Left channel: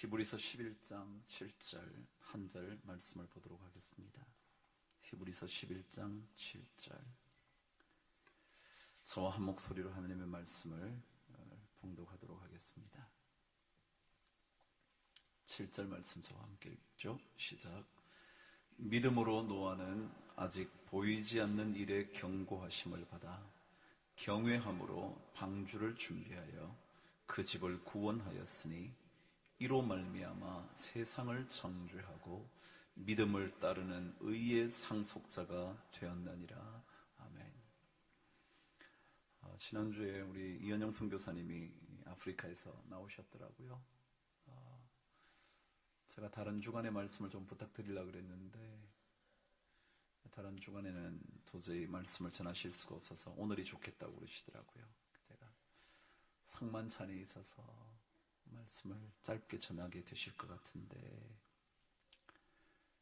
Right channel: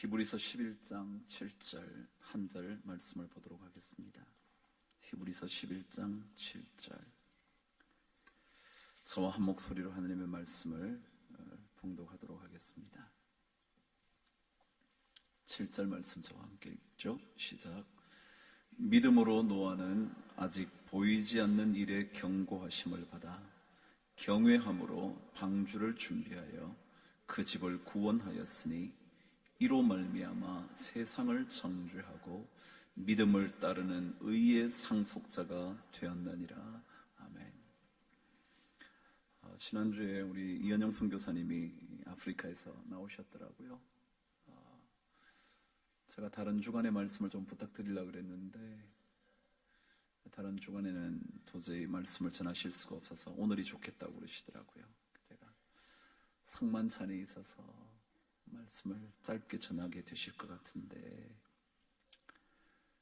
히브리서 11장 7절 한 절 말씀을 보도록 하겠습니다. 히브리서 11장 7절. 저와 한 목소리로 하나님의 말씀을 봉독하도록 하겠습니다. 7절 말씀 저와 함께 읽죠. 시작. 믿음으로 노아는 아직 보이지 않는 일에 경고하심을 받아 경외함으로 방주를 준비하여 그 집을 구원하였으니 이로 말미암아 세상을 정죄하고 믿음을 따르는 의의 상속자가 되었느니라. 아멘. 지난주에 우리 이현영 선교사님이 아프리카에서 나오셨더라고요. 제가 다른 주간의 말씀을 좀 부탁드리려고 그랬는데 다른 주간에는 도저히 말씀을 전하실 수가 없어서 오늘이 좋겠다고 그러시더라고요. 제가 상만찬이 있어서 말씀을 짧게 전하게 되실 것 같은데,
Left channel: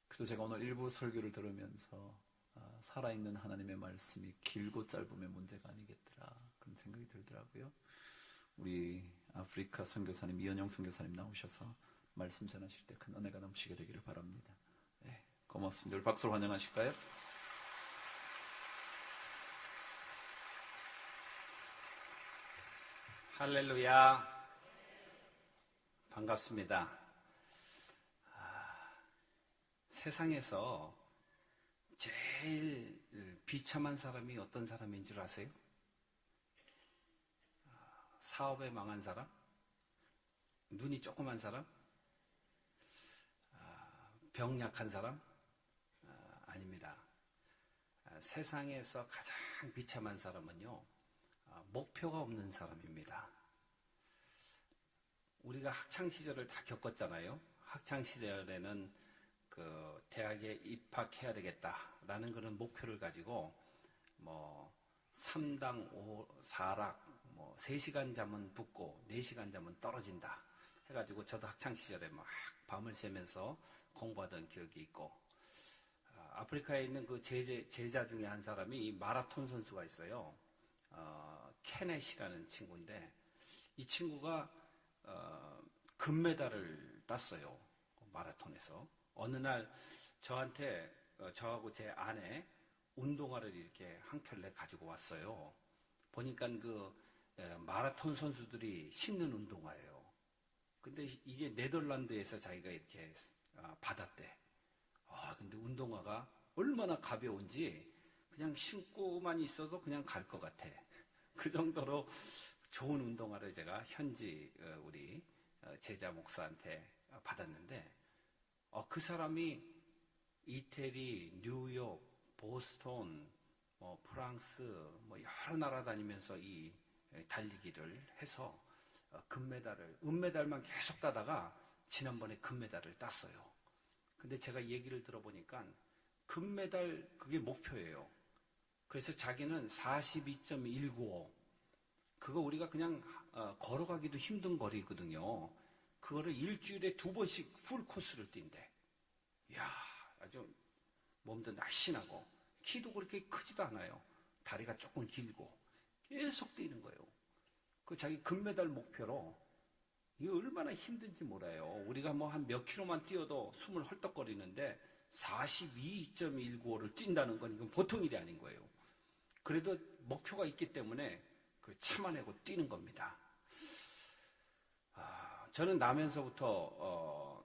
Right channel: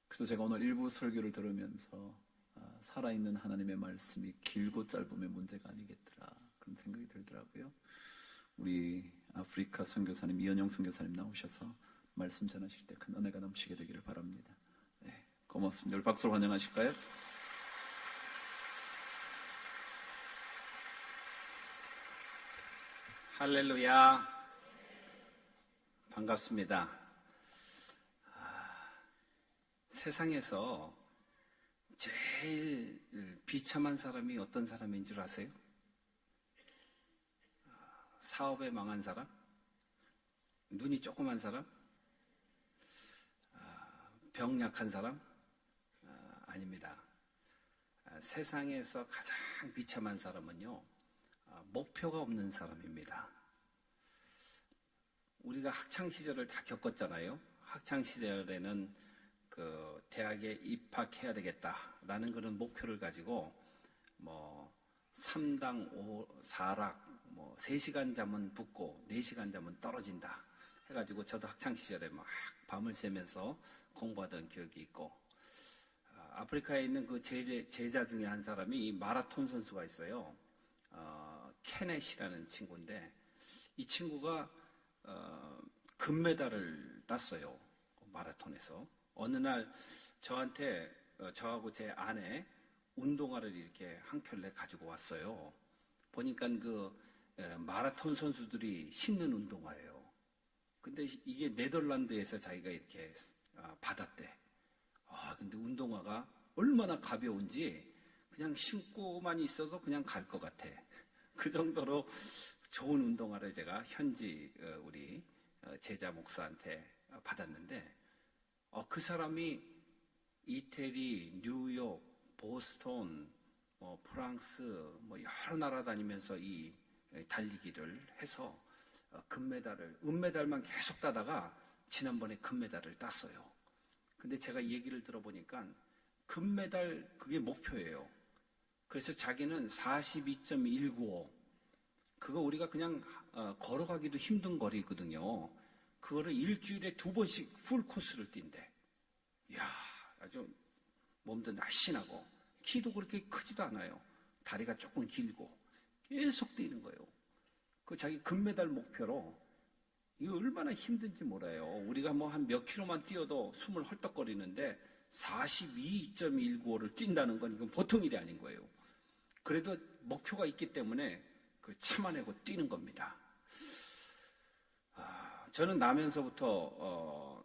그래서 제가 오늘 일부 설교를 들으면서 살아있는 하나님의 말씀이 길고 짧으면 문제가 아니겠더라 그런 생각이 들더라고요. 우리 아프리카 선교사님 이현영 선교사님 나오셔서 말씀 전하실 때 큰 은혜가 넘치게 되기를 바랍니다. 네, 고맙습니다. 우리 박수로 환영하실까요? 할렐루야. 반갑습니다. 세상에서 제일 비참한 사람이 어떤 사람인 줄 아세요? 사업에 망한 사람? 눈이 조그만 사람? 병약한 사람? 아닙니다. 세상에서 가장 비참한 사람은요, 목표가 없는 사람입니다. 우리가 학창시절을 다 겪었잖아요. 학창시절에는 그 대학에 입학해야 되겠다라는 그런 목표를 가지고 3당 4락 3시간 잠은 붙고 4시간 잠은 떨어진다 해가지고 저도 학창시절에 막 밤을 새면서 공부하던 기억이 있고, 아프리카에 있는 그 제자 중에 한 사람이 마라톤 선수가 있어요. 케넷이라는 친구인데 이 친구가 금메달을 땄어요. 마라톤에서. 어느 날 저한테 저하고 제 아내 운동화를 이렇게 한 켤레 가지고 왔어요. 보니까 그 마라톤 선수들이 신는 운동화예요. 근데 이게 네덜란드에서 자기가 이렇게 받았대. 근데 운동화가 얼마나 가벼운지 그냥 신고만 있어도 그냥 갈 것 같아. 그 정도로 좋은 운동화를 제가 현지 우리 제자 목사한테 받았는데, 그 사람이 이태리, 뉴욕, 보스턴, 프랑스 여러 나라 다니면서 이 달리기를 해서 은메달만 계속 따다가 지난번에 금메달을 땄어요. 근데 제가 얘기를 들어보니까 금메달 그게 목표예요. 그래서 자기는 42.195 그거 우리가 그냥 걸어가기도 힘든 거리거든요. 그거를 일주일에 2번씩 풀 코스를 뛴대. 이야, 아주 몸도 날씬하고 키도 그렇게 크지도 않아요. 다리가 조금 길고 계속 뛰는 거예요. 그 자기 금메달 목표로 이거 얼마나 힘든지 몰라요. 우리가 한 몇 킬로만 뛰어도 숨을 헐떡거리는데 42.195를 뛴다는 건 이건 보통 일이 아닌 거예요. 그래도 목표가 있기 때문에 참아내고 뛰는 겁니다. 저는 나면서부터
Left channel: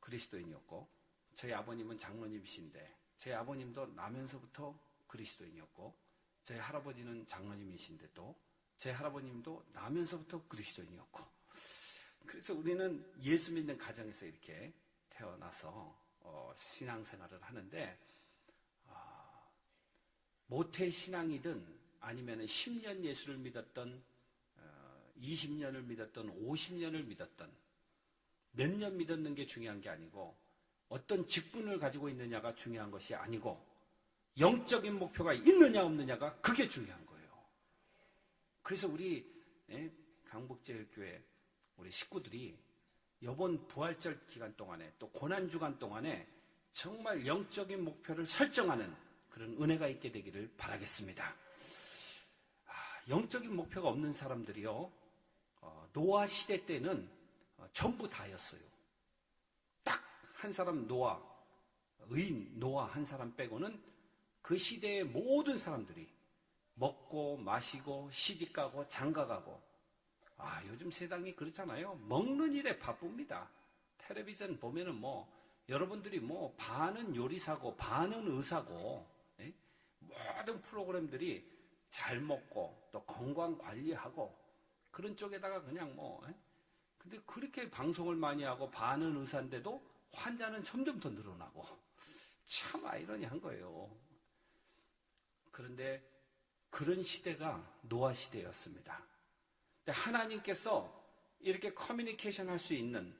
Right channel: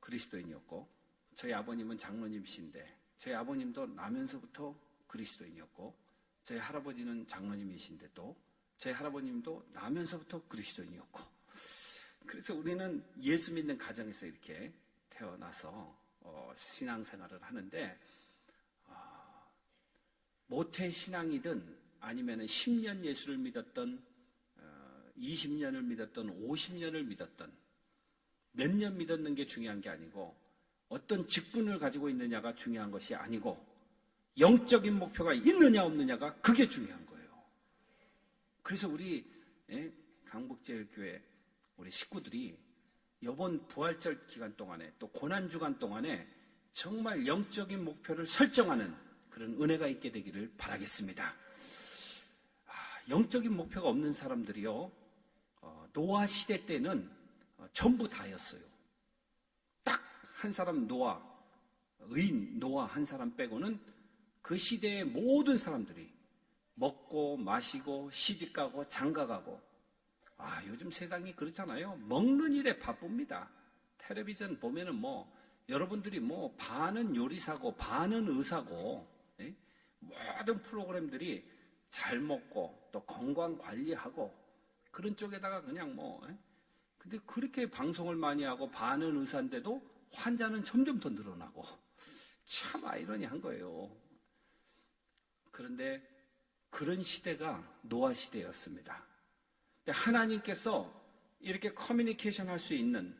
그리스도인이었고, 저희 아버님은 장로님이신데 저희 아버님도 나면서부터 그리스도인이었고, 저희 할아버지는 장로님이신데 또 저희 할아버님도 나면서부터 그리스도인이었고, 그래서 우리는 예수 믿는 가정에서 이렇게 태어나서 신앙생활을 하는데, 모태 신앙이든 아니면 10년 예수를 믿었던 20년을 믿었던 50년을 믿었던 몇 년 믿었는 게 중요한 게 아니고 어떤 직분을 가지고 있느냐가 중요한 것이 아니고 영적인 목표가 있느냐 없느냐가 그게 중요한 거예요. 그래서 우리 강북제일교회 우리 식구들이 이번 부활절 기간 동안에 또 고난주간 동안에 정말 영적인 목표를 설정하는 그런 은혜가 있게 되기를 바라겠습니다. 영적인 목표가 없는 사람들이요, 노아 시대 때는 전부 다였어요. 딱 한 사람 노아, 의인 노아 한 사람 빼고는 그 시대의 모든 사람들이 먹고 마시고 시집가고 장가가고, 요즘 세상이 그렇잖아요. 먹는 일에 바쁩니다. 텔레비전 보면은 여러분들이 반은 요리사고 반은 의사고, 예? 모든 프로그램들이 잘 먹고 또 건강 관리하고 그런 쪽에다가 그냥 예? 근데 그렇게 방송을 많이 하고 반은 의사인데도 환자는 점점 더 늘어나고, 참 아이러니한 거예요. 그런데 그런 시대가 노아 시대였습니다. 하나님께서 이렇게 커뮤니케이션 할 수 있는,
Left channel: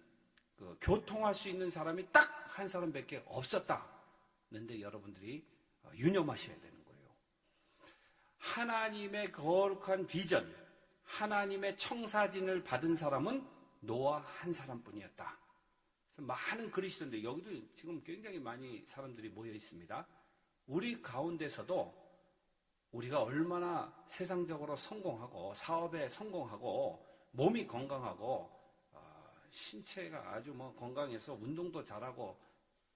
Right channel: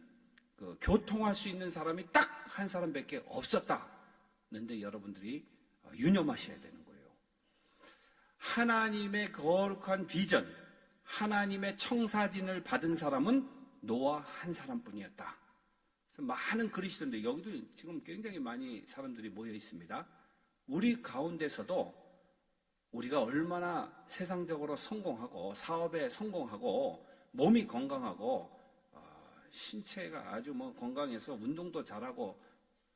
교통할 수 있는 사람이 딱 한 사람밖에 없었다. 그런데 여러분들이 유념하셔야 되는 거예요. 하나님의 거룩한 비전, 하나님의 청사진을 받은 사람은 노아 한 사람뿐이었다. 그래서 많은 글이 있는데 여기도 지금 굉장히 많이 사람들이 모여 있습니다. 우리 가운데서도 우리가 얼마나 세상적으로 성공하고 사업에 성공하고 몸이 건강하고 신체가 아주 건강해서 운동도 잘하고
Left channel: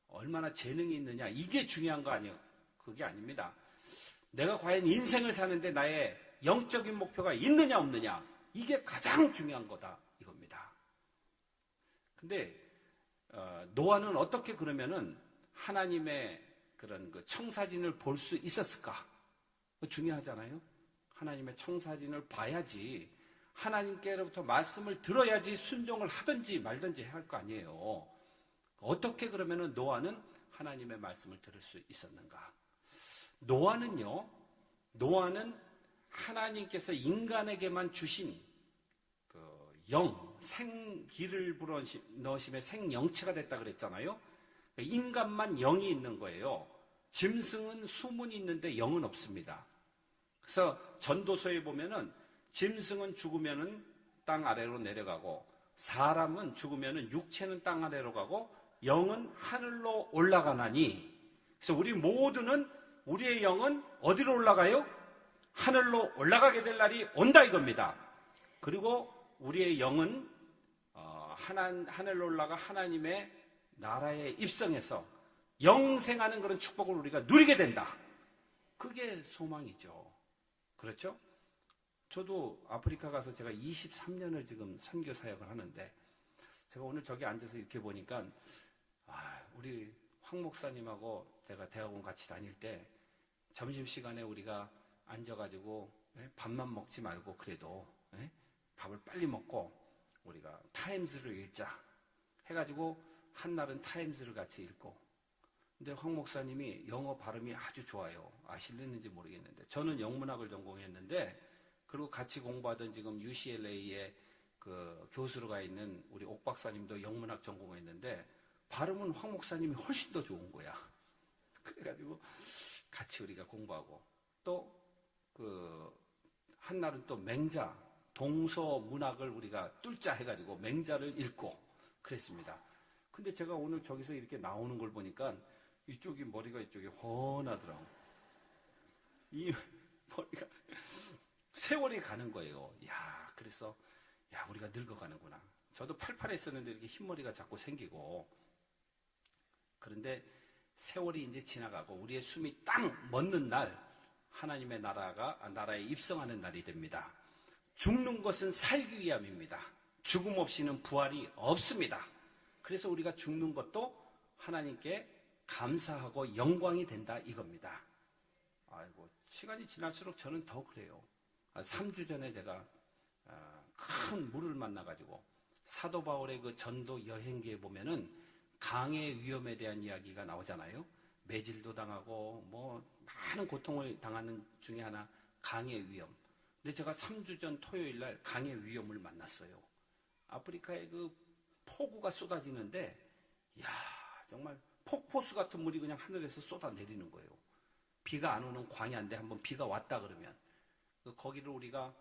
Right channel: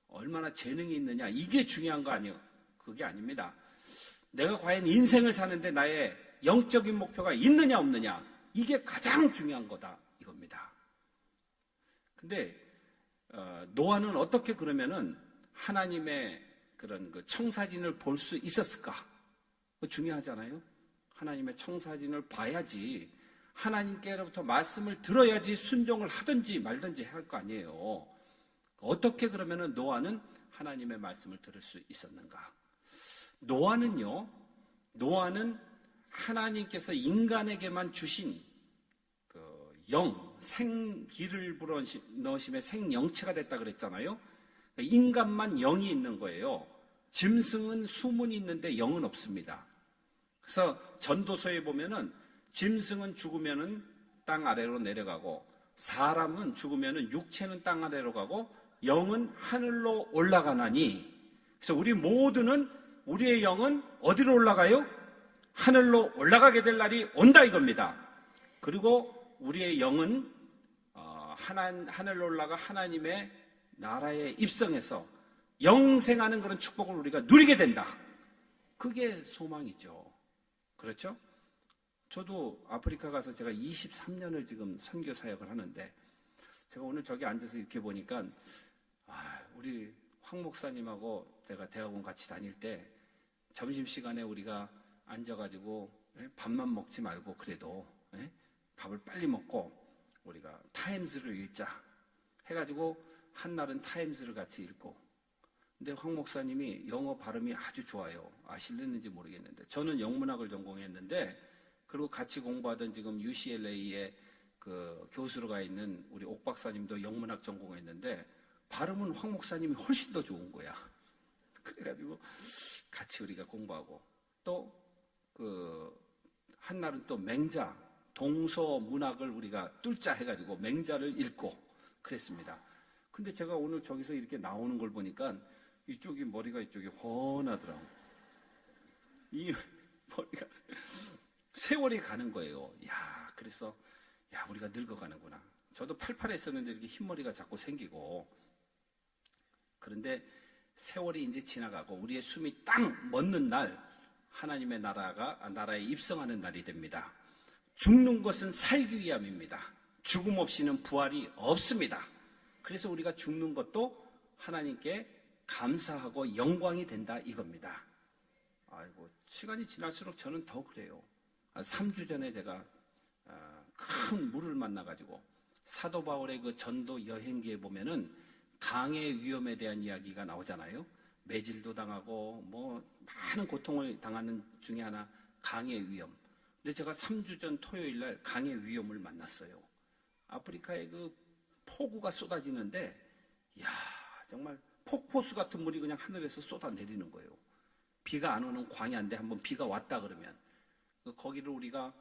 얼마나 재능이 있느냐, 이게 중요한 거 아니에요. 그게 아닙니다. 내가 과연 인생을 사는데 나의 영적인 목표가 있느냐 없느냐, 이게 가장 중요한 거다 이겁니다. 근데 노아는 어떻게 그러면은 하나님의 그런 청사진을 볼 수 있었을까? 그거 중요하잖아요. 하나님의 청사진을 봐야지, 하나님께로부터 말씀을 들어야지 순종을 하든지 말든지 할 거 아니에요. 어떻게 그러면은 노아는 하나님의 말씀을 들을 수 있었는가? 노아는 하나님께서 인간에게만 주신 생기를 불어넣으심에 생영체가 됐다 그랬잖아요. 인간만 영이 있는 거예요. 짐승은 수문이 있는데 영은 없습니다. 그래서 전도서에 보면은 짐승은 죽으면은 땅 아래로 내려가고, 사람은 죽으면은 육체는 땅 아래로 가고 영은 하늘로 올라가나니, 그래서 우리 모두는 우리의 영은 어디로 올라가요? 하늘로 올라가게 될 날이 온다 이겁니다. 그리고 우리의 영은 하늘로 올라가 하나님의 나라에 입성해서 영생하는 그런 축복을 우리가 누리게 된다. 그게 소망이죠. 그렇죠? 저도 아프리카 가서 제가 23년을 지금 선교 사역을 하는데, 제가 오늘 저기 앉아서 이렇게 보니까 우리 황 목사님하고 제가 대학원 같이 다닐 때 점심시간에 우리가 앉아가지고 밥만 먹지 말고 그래도 밥을 빨리 먹고 우리가 타임스를 읽자 해가지고 한날은 타임스를 같이 읽고, 근데 황 목사님이 영어 발음이 아주 좋아요. 아실는지 모르겠는데 저는 영문학을 전공했는데, 그리고 같이 공부하던 지금 UCLA에 그 교수로 가 있는 우리 옥 박사님도 영문학 전공했는데 발음은 황 목사님이 훨씬 더 좋은 거야. 그래가지고 같이 우리가 공부하고, 또 한날은 또 맹자 동서 문학을 우리가 뚫자 해가지고 맹자를 읽고 그랬습니다. 근데 제가 오늘 저기서 이렇게 나오는 걸 보니까 이쪽이 머리가 이쪽이 훤하더라고. 이 머리가 세월이 가는 거예요. 그래서 우리가 늙어가는구나. 저도 팔팔했었는데 이렇게 흰머리가 자꾸 생기고. 그런데 세월이 이제 지나가고 우리의 숨이 딱 멎는 날, 하나님의 나라에 입성하는 날이 됩니다. 죽는 것은 살기 위함입니다. 죽음 없이는 부활이 없습니다. 그래서 우리가 죽는 것도 하나님께 감사하고 영광이 된다 이겁니다. 아이고, 시간이 지날수록 저는 더 그래요. 3주 전에 제가 큰 물을 만나가지고 사도 바울의 그 전도 여행기에 보면은 강의 위험에 대한 이야기가 나오잖아요. 매질도 당하고 많은 고통을 당하는 중에 하나 강의 위험. 근데 제가 3주 전 토요일 날 강의 위험을 만났어요. 아프리카에 그 폭우가 쏟아지는데, 정말 폭포수 같은 물이 그냥 하늘에서 쏟아내리는 거예요. 비가 안 오는 광야인데 한번 비가 왔다 그러면 거기를 우리가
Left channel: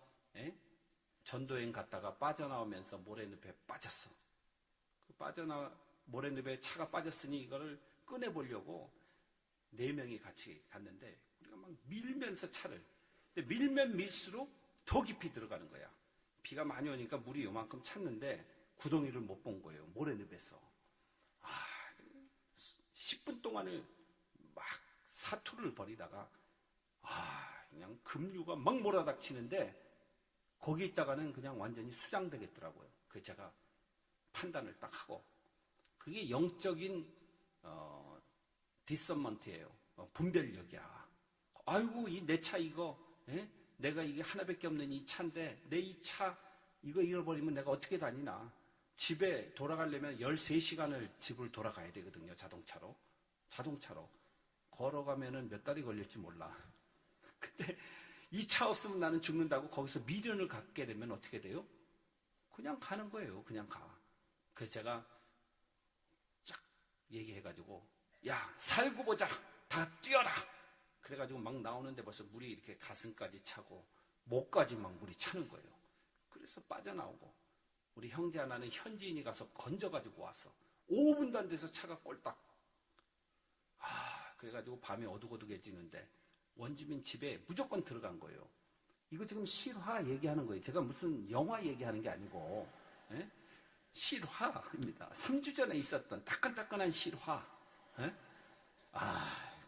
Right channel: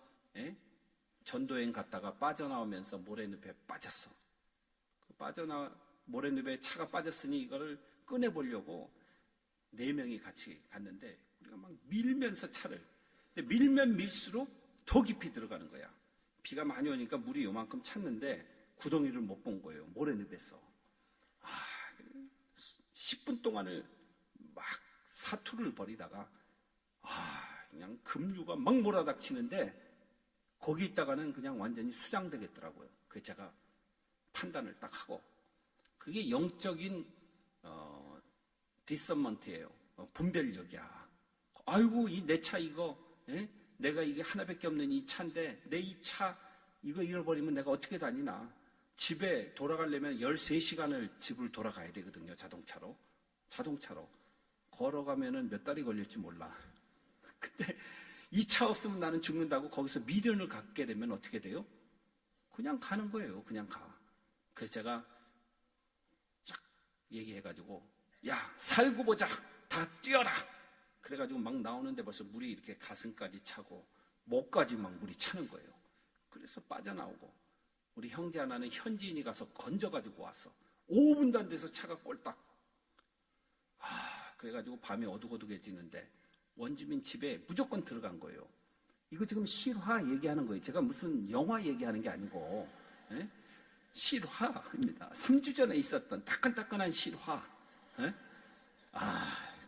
전도여행 갔다가 빠져나오면서 모래늪에 빠졌어. 모래늪에 차가 빠졌으니 이거를 꺼내보려고 4명이 같이 갔는데 우리가 막 밀면서 차를, 근데 밀면 밀수록 더 깊이 들어가는 거야. 비가 많이 오니까 물이 요만큼 찼는데 구덩이를 못 본 거예요. 모래늪에서. 10분 동안을 막 사투를 벌이다가 그냥 급류가 막 몰아닥치는데 거기 있다가는 그냥 완전히 수장되겠더라고요. 그래서 제가 판단을 딱 하고, 그게 영적인 디서먼트예요. 분별력이야. 아이고, 이 내 차 이거, 내가 이게 하나밖에 없는 이 차인데 내 이 차 이거 잃어버리면 내가 어떻게 다니나. 집에 돌아가려면 13시간을 집을 돌아가야 되거든요. 자동차로 걸어가면은 몇 달이 걸릴지 몰라. 근데 이 차 없으면 나는 죽는다고 거기서 미련을 갖게 되면 어떻게 돼요? 그냥 가는 거예요. 그냥 가. 그래서 제가 쫙 얘기해가지고, 야, 살고 보자. 다 뛰어라. 그래가지고 막 나오는데 벌써 물이 이렇게 가슴까지 차고 목까지 막 물이 차는 거예요. 그래서 빠져나오고, 우리 형제 하나는 현지인이 가서 건져가지고 왔어. 5분도 안 돼서 차가 꼴딱. 그래가지고 밤에 어둑어둑해지는데 원주민 집에 무조건 들어간 거예요. 이거 지금 실화 얘기하는 거예요. 제가 무슨 영화 얘기하는 게 아니고, 실화입니다. 3주 전에 있었던 따끈따끈한 실화.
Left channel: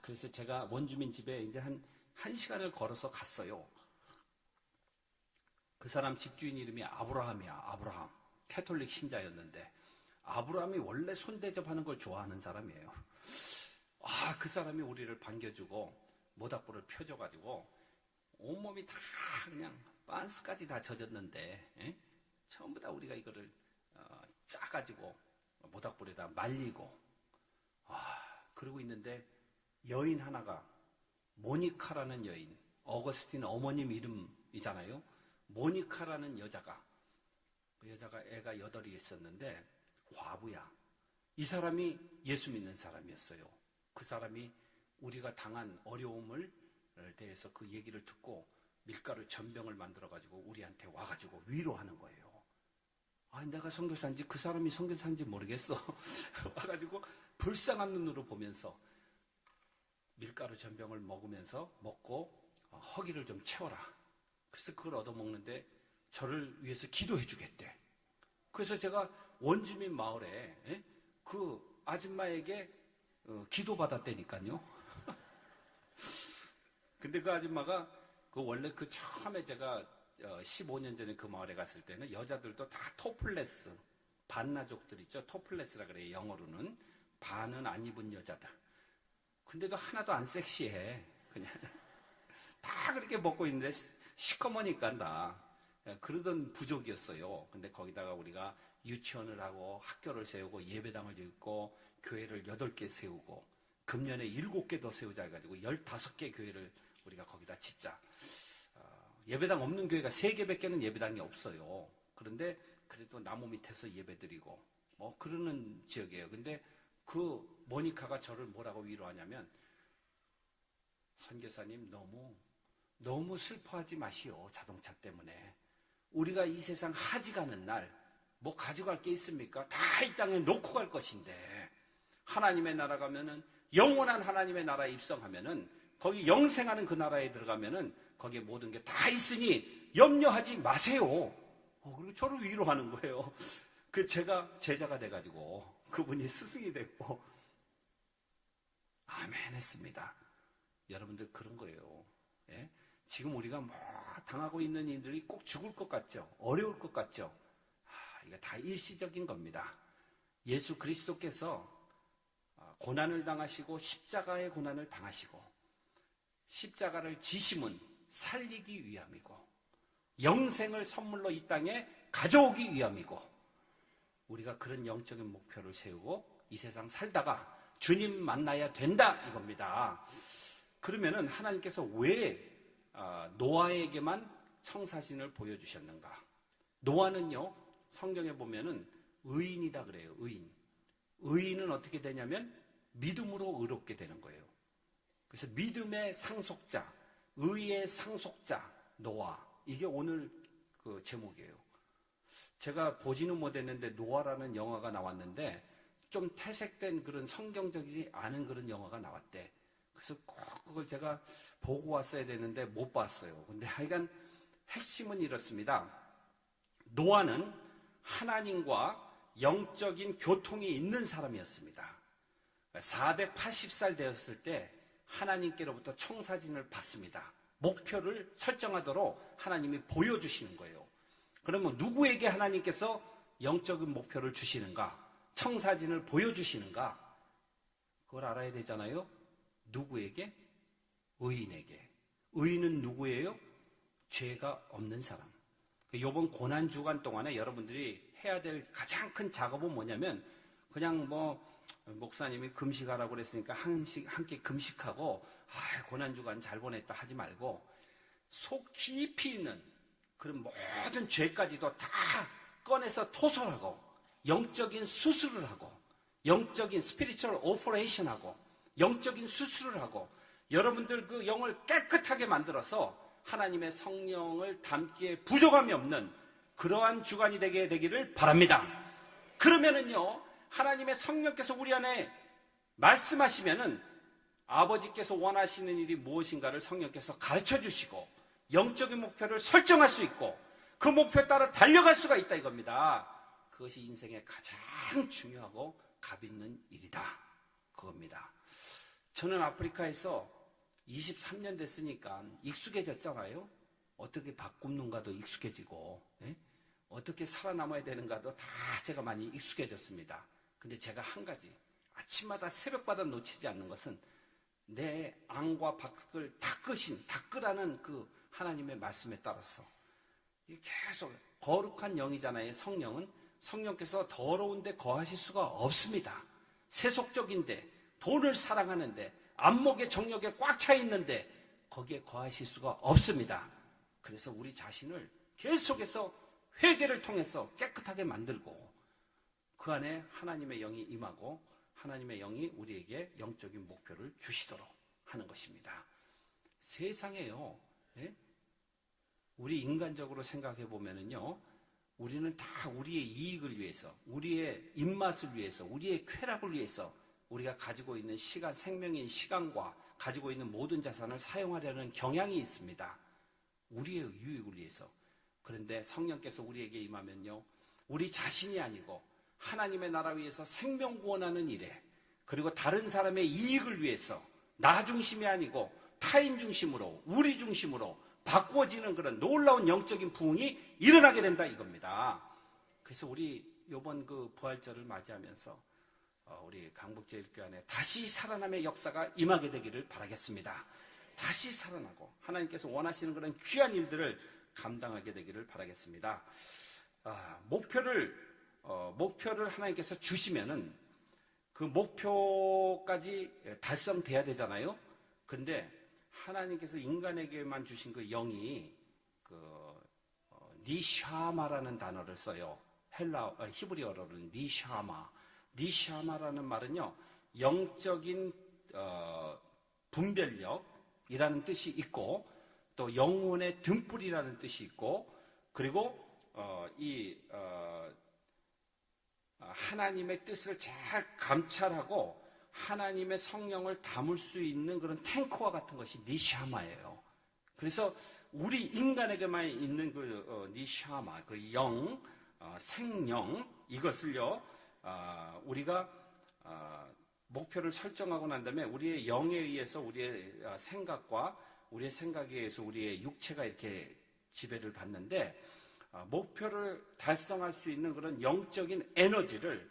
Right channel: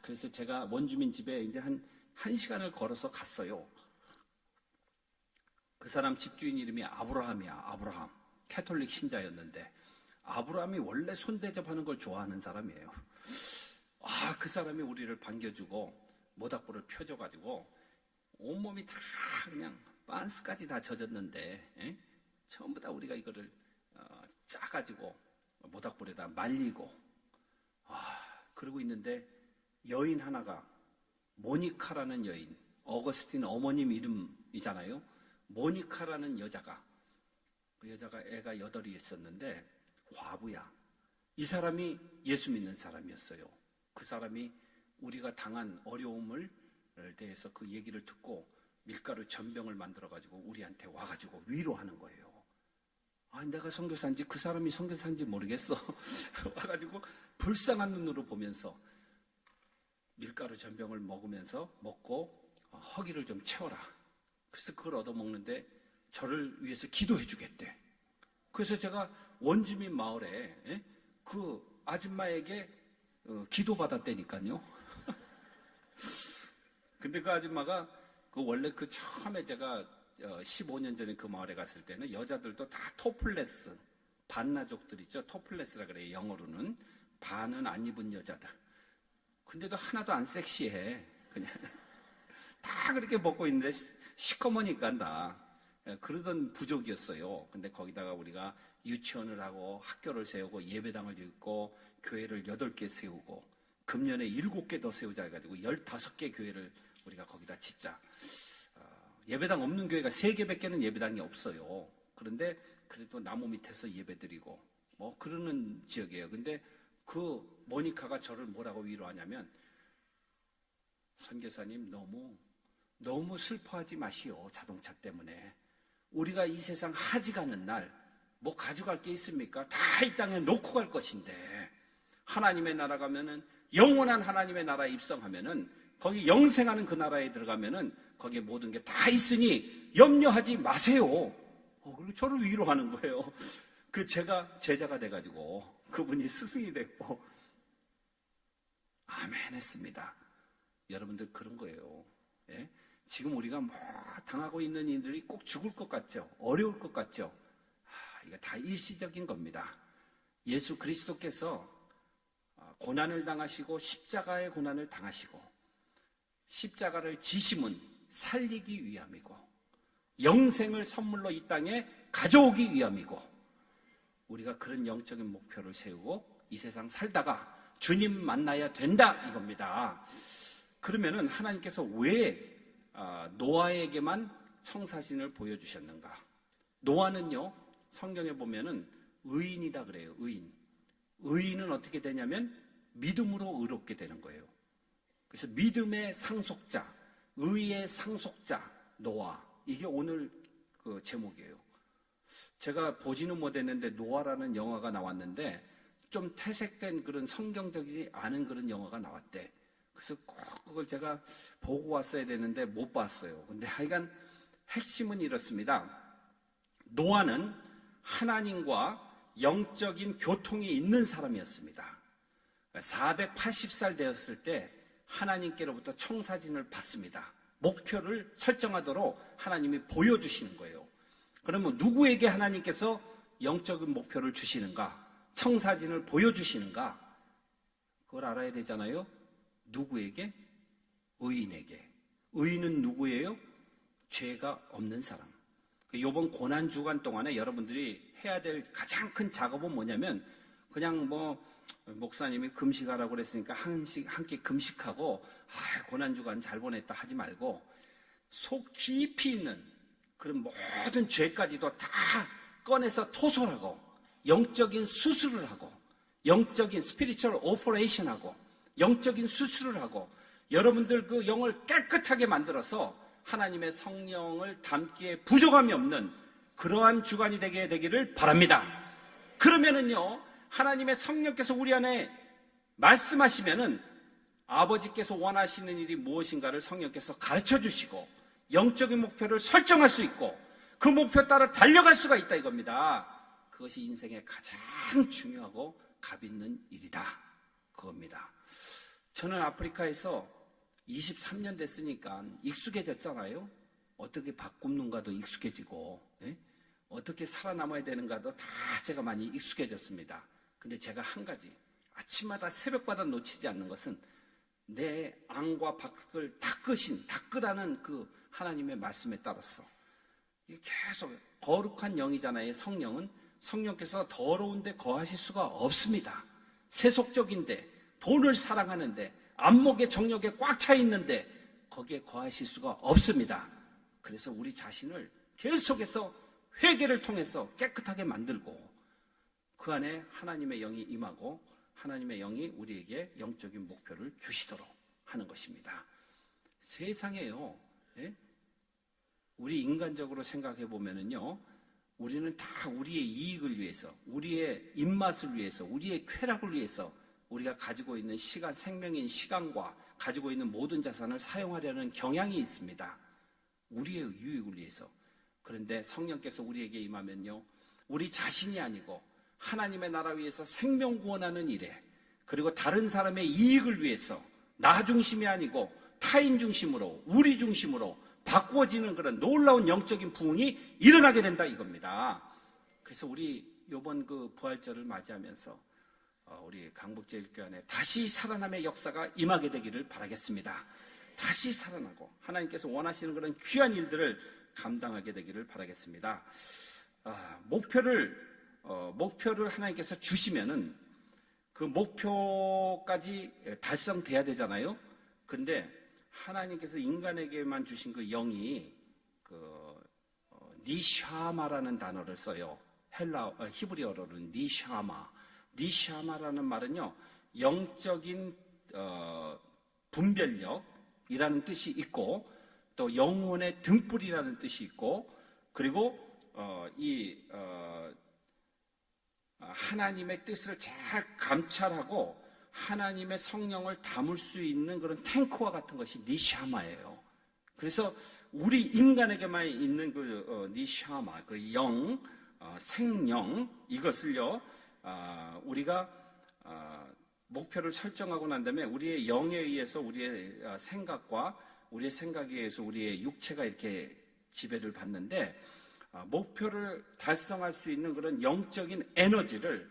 그래서 제가 원주민 집에 이제 한 1시간을 걸어서 갔어요. 그 사람 집주인 이름이 아브라함이야. 아브라함. 캐톨릭 신자였는데 아브라함이 원래 손대접하는 걸 좋아하는 사람이에요. 그 사람이 우리를 반겨주고 모닥불을 펴줘가지고 온몸이 다 그냥 빤스까지 다 젖었는데, 전부 다 우리가 이거를 짜가지고 모닥불에다 말리고, 그러고 있는데 여인 하나가, 모니카라는 여인, 어거스틴 어머님 이름이잖아요. 모니카라는 여자가, 그 여자가 애가 8이 있었는데 과부야. 이 사람이 예수 믿는 사람이었어요. 그 사람이 우리가 당한 어려움을 대해서 그 얘기를 듣고 밀가루 전병을 만들어가지고 우리한테 와가지고 위로하는 거예요. 내가 선교사인지 그 사람이 선교사인지 모르겠어. 와가지고 불쌍한 눈으로 보면서 밀가루 전병을 먹고 허기를 좀 채워라. 그래서 그걸 얻어먹는데 저를 위해서 기도해 주겠대. 그래서 제가 원주민 마을에 그 아줌마에게 기도받았다니까요. 근데 그 아줌마가 원래 처음에 제가 15년 전에 그 마을에 갔을 때는 여자들도 다 토플레스, 반나족들 있죠. 토플레스라 그래요. 영어로는. 반은 안 입은 여자들. 근데도 하나도 안 섹시해. 그냥 다 그렇게 먹고 있는데 시커머니까 다. 그러던 부족이었어요. 근데 거기다가 우리가 유치원을 하고 학교를 세우고 예배당을 짓고 교회를 8개 세우고 금년에 7개 더 세우자 해가지고 15개 교회를 우리가 거기다 짓자. 예배당 없는 교회가 3개밖에는 예배당이 없어요. 그런데 그래도 나무 밑에서 예배드리고 그러는 지역이에요. 근데 그 모니카가 저를 뭐라고 위로하냐면, 선교사님 너무 슬퍼하지 마시오. 자동차 때문에. 우리가 이 세상 하지 가는 날 뭐 가져갈 게 있습니까? 다 이 땅에 놓고 갈 것인데, 하나님의 나라 가면은, 영원한 하나님의 나라에 입성하면은, 거기 영생하는 그 나라에 들어가면은 거기에 모든 게 다 있으니 염려하지 마세요. 그리고 저를 위로하는 거예요. 제가 제자가 돼가지고 그분이 스승이 됐고 아멘 했습니다. 여러분들 그런 거예요. 지금 우리가 당하고 있는 일들이 꼭 죽을 것 같죠? 어려울 것 같죠? 이거 다 일시적인 겁니다. 예수 그리스도께서 고난을 당하시고 십자가의 고난을 당하시고 십자가를 지심은 살리기 위함이고 영생을 선물로 이 땅에 가져오기 위함이고, 우리가 그런 영적인 목표를 세우고 이 세상 살다가 주님 만나야 된다 이겁니다. 그러면은 하나님께서 왜 노아에게만 청사진을 보여주셨는가? 노아는요, 성경에 보면은 의인이다 그래요. 의인은 어떻게 되냐면 믿음으로 의롭게 되는 거예요. 그래서 믿음의 상속자, 의의 상속자 노아, 이게 오늘 그 제목이에요. 제가 보지는 못했는데 노아라는 영화가 나왔는데 좀 퇴색된 그런 성경적이지 않은 그런 영화가 나왔대. 그래서 꼭 그걸 제가 보고 왔어야 되는데 못 봤어요. 근데 하여간 핵심은 이렇습니다. 노아는 하나님과 영적인 교통이 있는 사람이었습니다. 480살 되었을 때 하나님께로부터 청사진을 받습니다. 목표를 설정하도록 하나님이 보여주시는 거예요. 그러면 누구에게 하나님께서 영적인 목표를 주시는가? 청사진을 보여주시는가? 그걸 알아야 되잖아요. 누구에게? 의인에게. 의인은 누구예요? 죄가 없는 사람. 이번 고난주간 동안에 여러분들이 해야 될 가장 큰 작업은 뭐냐면, 그냥 목사님이 금식하라고 그랬으니까 한 끼 금식하고 고난주간 잘 보냈다 하지 말고, 속 깊이 있는 그런 모든 죄까지도 다 꺼내서 토설하고, 영적인 수술을 하고, 영적인 스피리추얼 오퍼레이션 하고, 영적인 수술을 하고, 여러분들 그 영을 깨끗하게 만들어서 하나님의 성령을 담기에 부족함이 없는 그러한 주간이 되게 되기를 바랍니다. 그러면은요, 하나님의 성령께서 우리 안에 말씀하시면은 아버지께서 원하시는 일이 무엇인가를 성령께서 가르쳐 주시고, 영적인 목표를 설정할 수 있고, 그 목표 따라 달려갈 수가 있다 이겁니다. 그것이 인생의 가장 중요하고 값 있는 일이다, 그겁니다. 저는 아프리카에서 23년 됐으니까 익숙해졌잖아요. 어떻게 밥 굽는가도 익숙해지고, 어떻게 살아남아야 되는가도 다 제가 많이 익숙해졌습니다. 근데 제가 한 가지, 아침마다 새벽마다 놓치지 않는 것은 내 안과 밖을 닦으라는 그 하나님의 말씀에 따라서 이게 계속 거룩한 영이잖아요. 성령은. 성령께서 더러운데 거하실 수가 없습니다. 세속적인데, 돈을 사랑하는데, 안목의 정력에 꽉 차 있는데 거기에 거하실 수가 없습니다. 그래서 우리 자신을 계속해서 회개를 통해서 깨끗하게 만들고, 그 안에 하나님의 영이 임하고 하나님의 영이 우리에게 영적인 목표를 주시도록 하는 것입니다. 세상에요, 우리 인간적으로 생각해 보면은요, 우리는 다 우리의 이익을 위해서, 우리의 입맛을 위해서, 우리의 쾌락을 위해서 우리가 가지고 있는 시간, 생명인 시간과 가지고 있는 모든 자산을 사용하려는 경향이 있습니다. 우리의 유익을 위해서. 그런데 성령께서 우리에게 임하면요, 우리 자신이 아니고 하나님의 나라 위해서 생명 구원하는 일에, 그리고 다른 사람의 이익을 위해서 나 중심이 아니고 타인 중심으로, 우리 중심으로 바꾸어지는 그런 놀라운 영적인 부흥이 일어나게 된다 이겁니다. 그래서 우리 이번 그 부활절을 맞이하면서 우리 강북제일교회 안에 다시 살아남의 역사가 임하게 되기를 바라겠습니다. 다시 살아나고 하나님께서 원하시는 그런 귀한 일들을 감당하게 되기를 바라겠습니다. 목표를 하나님께서 주시면은 그 목표까지 달성돼야 되잖아요. 그런데 하나님께서 인간에게만 주신 그 영이 니샤마라는 단어를 써요. 히브리어로는 니샤마라는 말은요, 영적인 분별력이라는 뜻이 있고, 또 영혼의 등불이라는 뜻이 있고, 그리고 하나님의 뜻을 잘 감찰하고 하나님의 성령을 담을 수 있는 그런 탱크와 같은 것이 니샤마예요. 그래서 우리 인간에게만 있는 그 니샤마, 그 영, 생영, 이것을요, 우리가 목표를 설정하고 난 다음에 우리의 영에 의해서 우리의 생각과 우리의 생각에 의해서 우리의 육체가 이렇게 지배를 받는데, 목표를 달성할 수 있는 그런 영적인 에너지를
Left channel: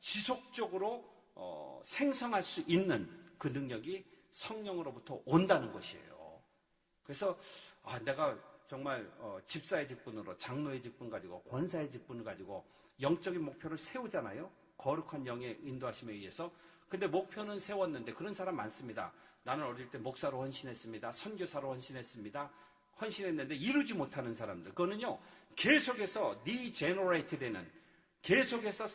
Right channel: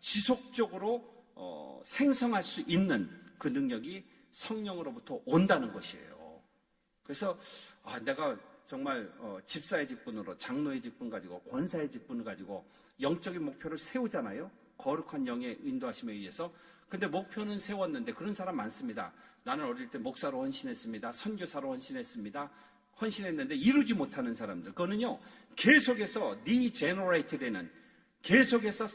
지속적으로 생성할 수 있는 그 능력이 성령으로부터 온다는 것이에요. 그래서 내가 정말 집사의 직분으로, 장로의 직분 가지고, 권사의 직분을 가지고 영적인 목표를 세우잖아요. 거룩한 영의 인도하심에 의해서. 근데 목표는 세웠는데, 그런 사람 많습니다. 나는 어릴 때 목사로 헌신했습니다. 선교사로 헌신했습니다. 헌신했는데 이루지 못하는 사람들, 그거는요, 계속해서 리제너레이트 되는, 계속해서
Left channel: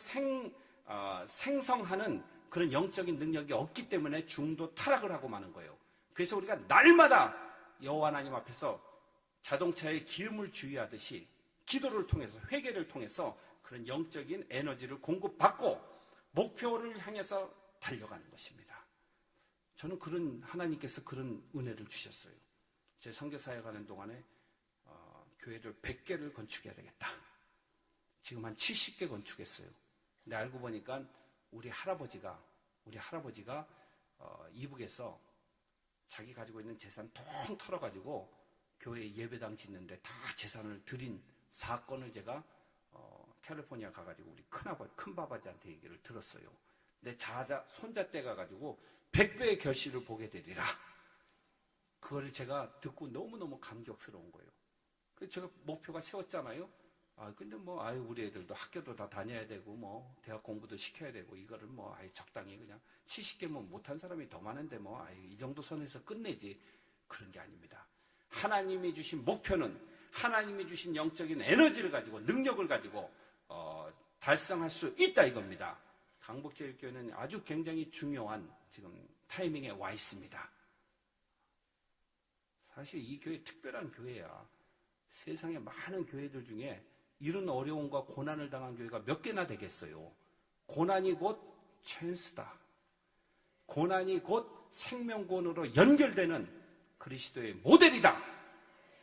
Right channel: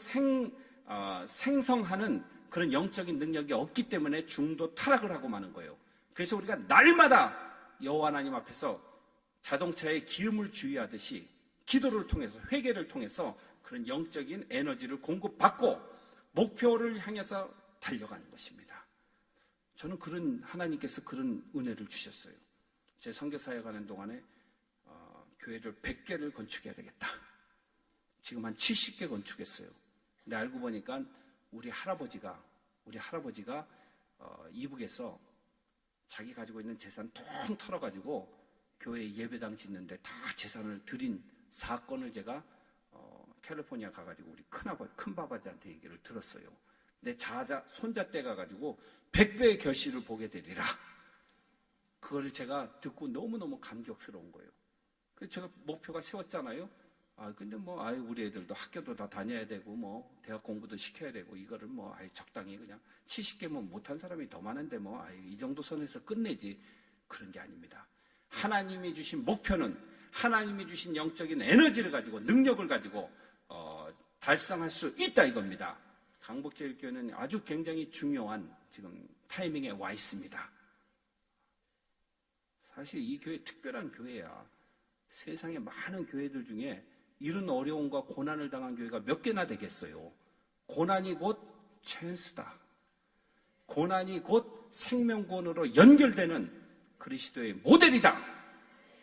생성하는 그런 영적인 능력이 없기 때문에 중도 타락을 하고 마는 거예요. 그래서 우리가 날마다 여호와 하나님 앞에서 자동차에 기름을 주의하듯이 기도를 통해서, 회개를 통해서 그런 영적인 에너지를 공급받고 목표를 향해서 달려가는 것입니다. 저는 하나님께서 그런 은혜를 주셨어요. 제 선교사에 가는 동안에 교회를 100개를 건축해야 되겠다. 지금 한 70개 건축했어요. 근데 알고 보니까 우리 할아버지가 이북에서 자기 가지고 있는 재산 통 털어가지고 교회 예배당 짓는데 다 재산을 드린 사건을 제가 캘리포니아 가가지고 우리 큰 바바지한테 얘기를 들었어요. 내 손자 때 가가지고 100배의 결실을 보게 되리라. 그거를 제가 듣고 너무너무 감격스러운 거예요. 그래서 제가 목표가 세웠잖아요. 근데 우리 애들도 학교도 다 다녀야 되고, 대학 공부도 시켜야 되고, 이거를 적당히 그냥 70개면 못한 사람이 더 많은데, 이 정도 선에서 끝내지. 그런 게 아닙니다. 하나님이 주신 목표는 하나님이 주신 영적인 에너지를 가지고, 능력을 가지고, 달성할 수 있다 이겁니다. 강북제일교회는 아주 굉장히 중요한 지금 타이밍에 와 있습니다. 사실 이 교회 특별한 교회야. 세상에 많은 교회들 중에 이런 어려움과 고난을 당한 교회가 몇 개나 되겠어요. 고난이 곧 찬스다. 고난이 곧 생명권으로 연결되는 그리스도의 모델이다.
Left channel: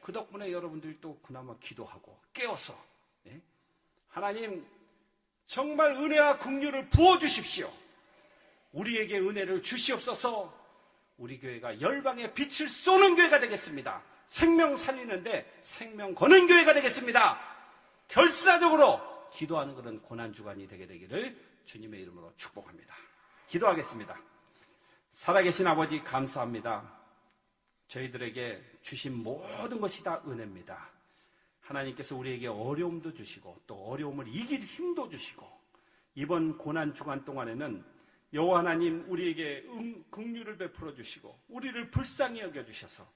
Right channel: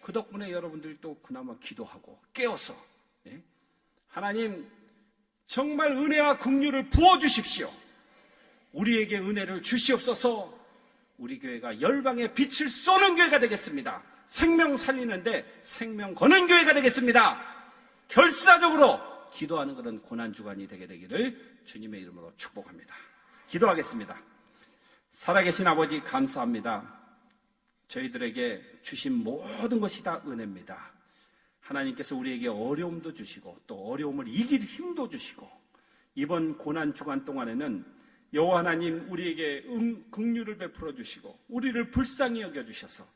그 덕분에 여러분들이 또 그나마 기도하고 깨어서 하나님 정말 은혜와 긍휼을 부어주십시오. 우리에게 은혜를 주시옵소서. 우리 교회가 열방의 빛을 쏘는 교회가 되겠습니다. 생명 살리는데 생명 거는 교회가 되겠습니다. 결사적으로 기도하는 그런 고난주간이 되게 되기를 주님의 이름으로 축복합니다. 기도하겠습니다. 살아계신 아버지 감사합니다. 저희들에게 주신 모든 것이 다 은혜입니다. 하나님께서 우리에게 어려움도 주시고 또 어려움을 이길 힘도 주시고 이번 고난주간 동안에는 여호와 하나님 우리에게 긍휼을 베풀어 주시고 우리를 불쌍히 여겨주셔서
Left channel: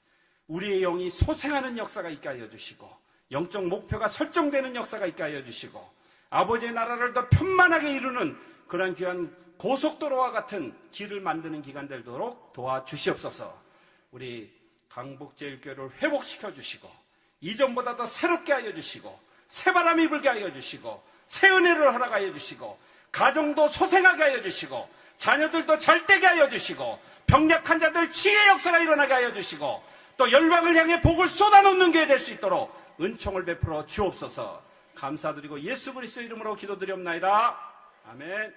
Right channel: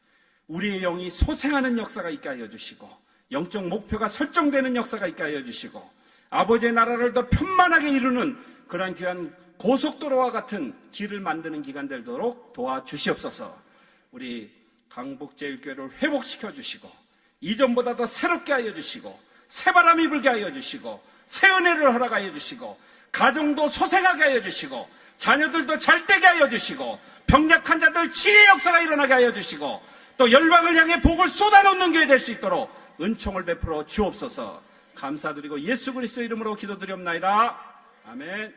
우리의 영이 소생하는 역사가 있게 하여 주시고 영적 목표가 설정되는 역사가 있게 하여 주시고 아버지의 나라를 더 편만하게 이루는 그러한 귀한 고속도로와 같은 길을 만드는 기간 되도록 도와주시옵소서. 우리 강북제일교회를 회복시켜 주시고 이전보다 더 새롭게 하여 주시고 새바람이 불게 하여 주시고 새 은혜를 허락하여 주시고 가정도 소생하게 하여 주시고 자녀들도 잘되게 하여 주시고 병약한 자들 치유의 역사가 일어나게 하여 주시고 또 열방을 향해 복을 쏟아놓는 교회 될 수 있도록 은총을 베풀어 주옵소서. 감사드리고 예수 그리스도 이름으로 기도드리옵나이다. 아멘.